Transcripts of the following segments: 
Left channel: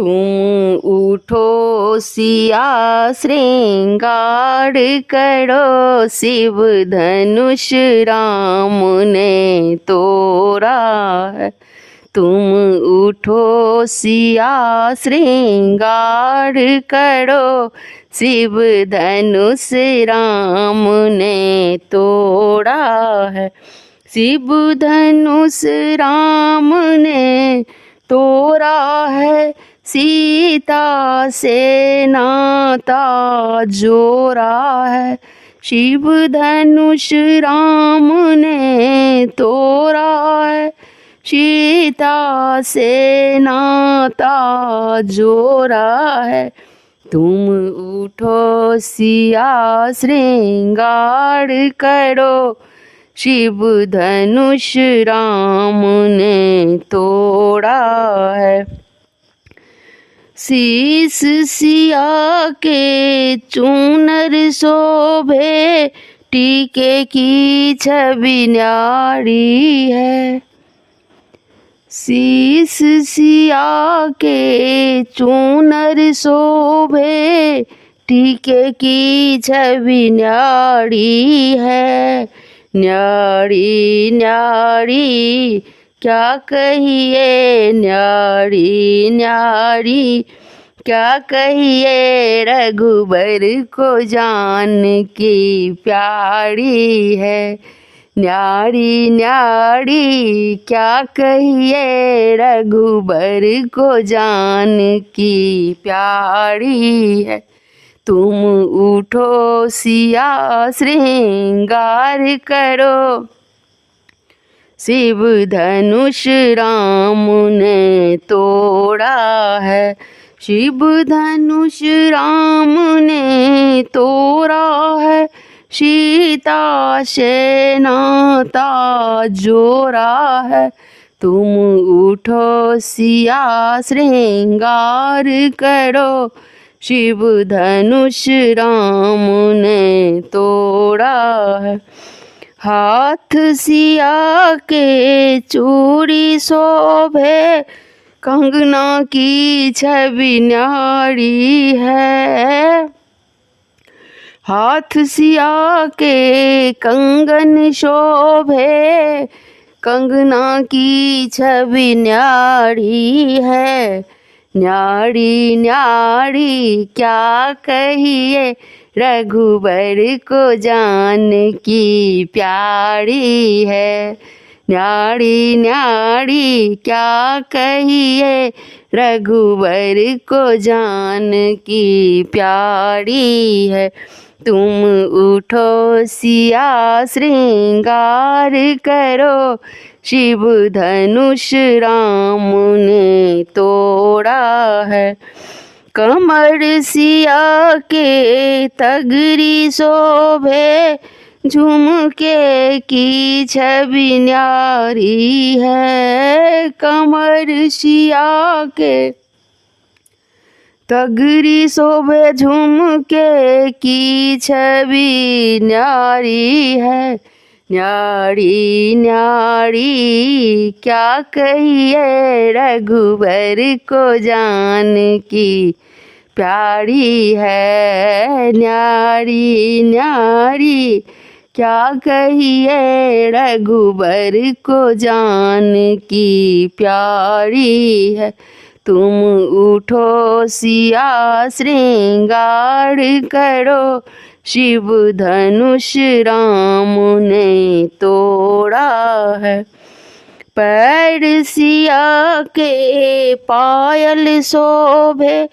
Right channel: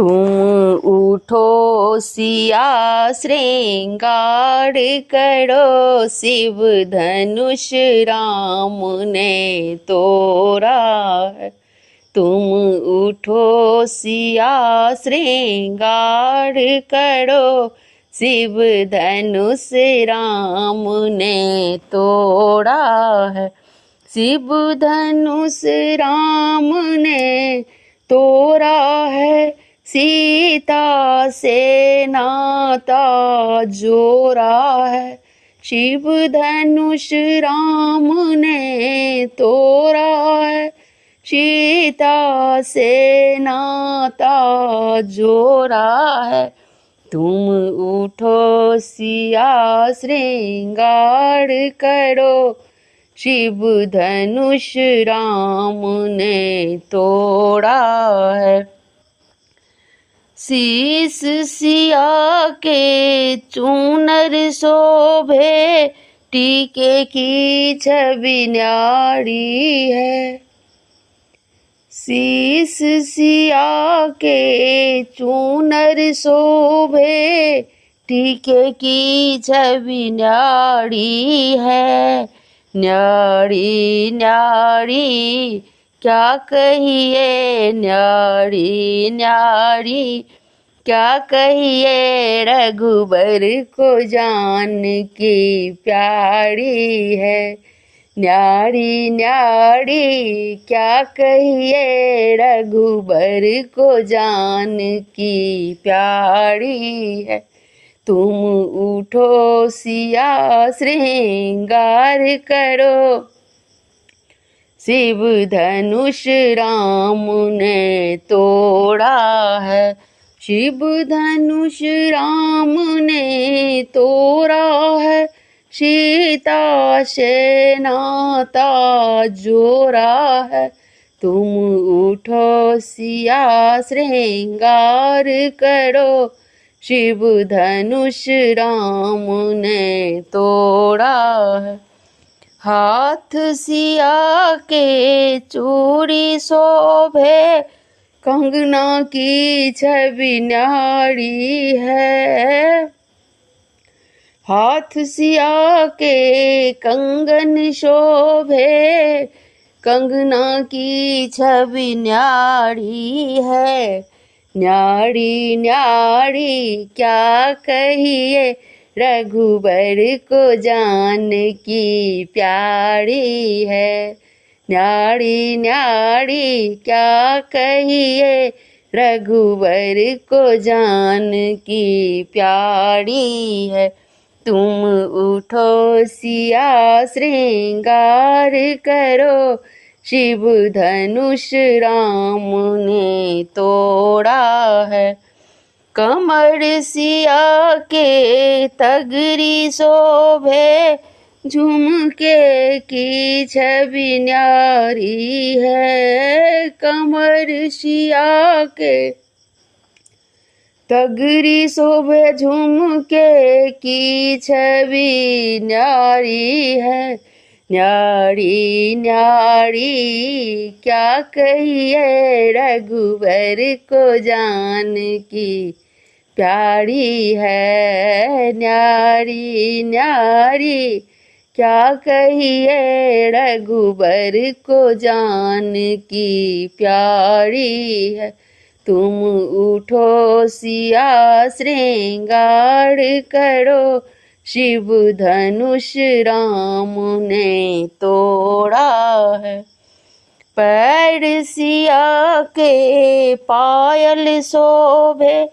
तुम उठो सिया श्रृंगार करो, शिव धनुष राम ने तोड़ा है। तुम उठो सिया श्रृंगार करो, शिव धनुष राम ने तोड़ा है। शिव धनुष राम ने तोड़ा है, सीता से नाता जोड़ा है। शिव धनुष राम ने तोड़ा है, सीता से नाता जोड़ा है। तुम उठो सिया श्रृंगार करो, शिव धनुष राम ने तोड़ा है। शीस सिया के चूनर शोभे, टीके की छवि न्यारी है। शीस सिया के चूनर शोभे, टीके की छवि न्यारी है। न्यारी न्यारी क्या कहिए, न्यारी न्यारी क्या कहिए, रघुबर को जान की प्यारी है। न्यारी न्यारी क्या कहिए, रघुबर को जान की प्यारी है। तुम उठो सिया श्रृंगार करो, शिव धनुष राम ने तोड़ा है। शिव धनुष राम ने तोड़ा है, सीता से नाता जोड़ा है। तुम उठो सिया श्रृंगार करो, शिव धनुष राम ने तोड़ा है। हाथ सिया के चूड़ी शोभे, कंगना की छवि न्यारी है। हाथ सिया के कंगन शोभे, कंगना की छवि न्यारी है। न्यारी न्यारी क्या कहिए, रघुबर को जान की प्यारी है। न्यारी न्यारी क्या कहिए, रघुबर को जान की प्यारी है। तुम उठो सिया श्रृंगार करो, शिव धनुष राम ने तोड़ा है। कमर सिया के तगरी शोभे, झुमके की छवि न्यारी है। कमर सिया के तगरी शोभे, झुमके की छवि न्यारी है। न्यारी न्यारी क्या कहिए, रघुबर को जान की प्यारी है। न्यारी न्यारी क्या कहिए, रघुबर को जान की प्यारी है। तुम उठो सिया श्रृंगार करो, शिव धनुष राम ने तोड़ा है। पैर सिया के पायल शोभे,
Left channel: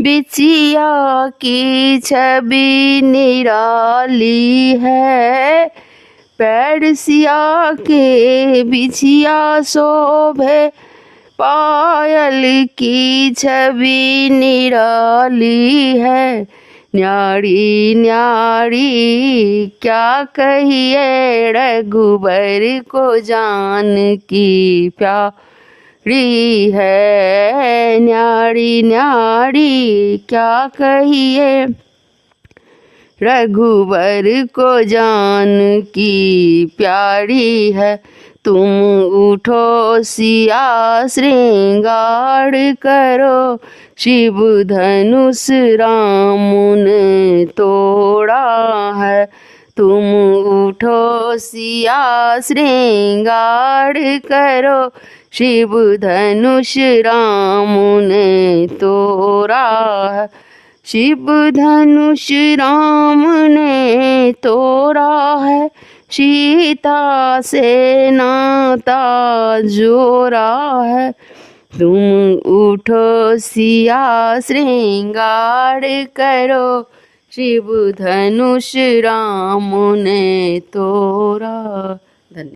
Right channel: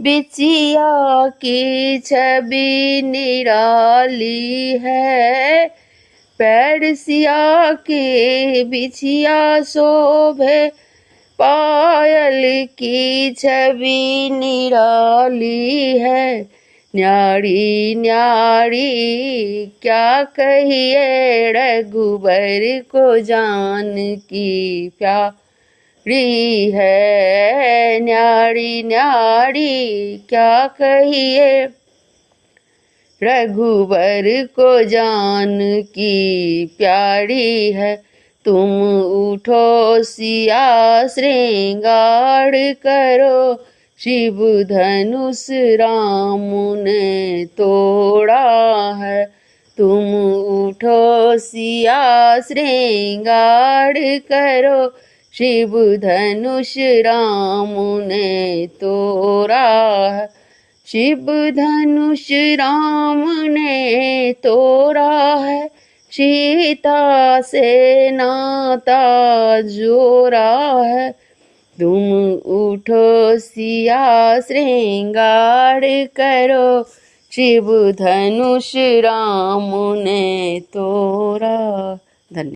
बिछिया की छवि निराली है। पैर सिया के बिछिया शोभे, पायल की छवि निराली है। न्यारी न्यारी क्या कहिए, रघुबर को जान की प्यारी है। न्यारी न्यारी क्या कहिए, रघुबर को जान की प्यारी है। तुम उठो सिया श्रृंगार करो, शिव धनुष राम ने तोड़ा है, तुम उठो सिया श्रृंगार करो, शिव धनुष राम ने तोड़ा है, शिव धनुष राम ने तोड़ा है, सीता से नाता जोड़ा है, तुम उठो सिया श्रृंगार करो, शिव धनुष राम ने तोड़ा।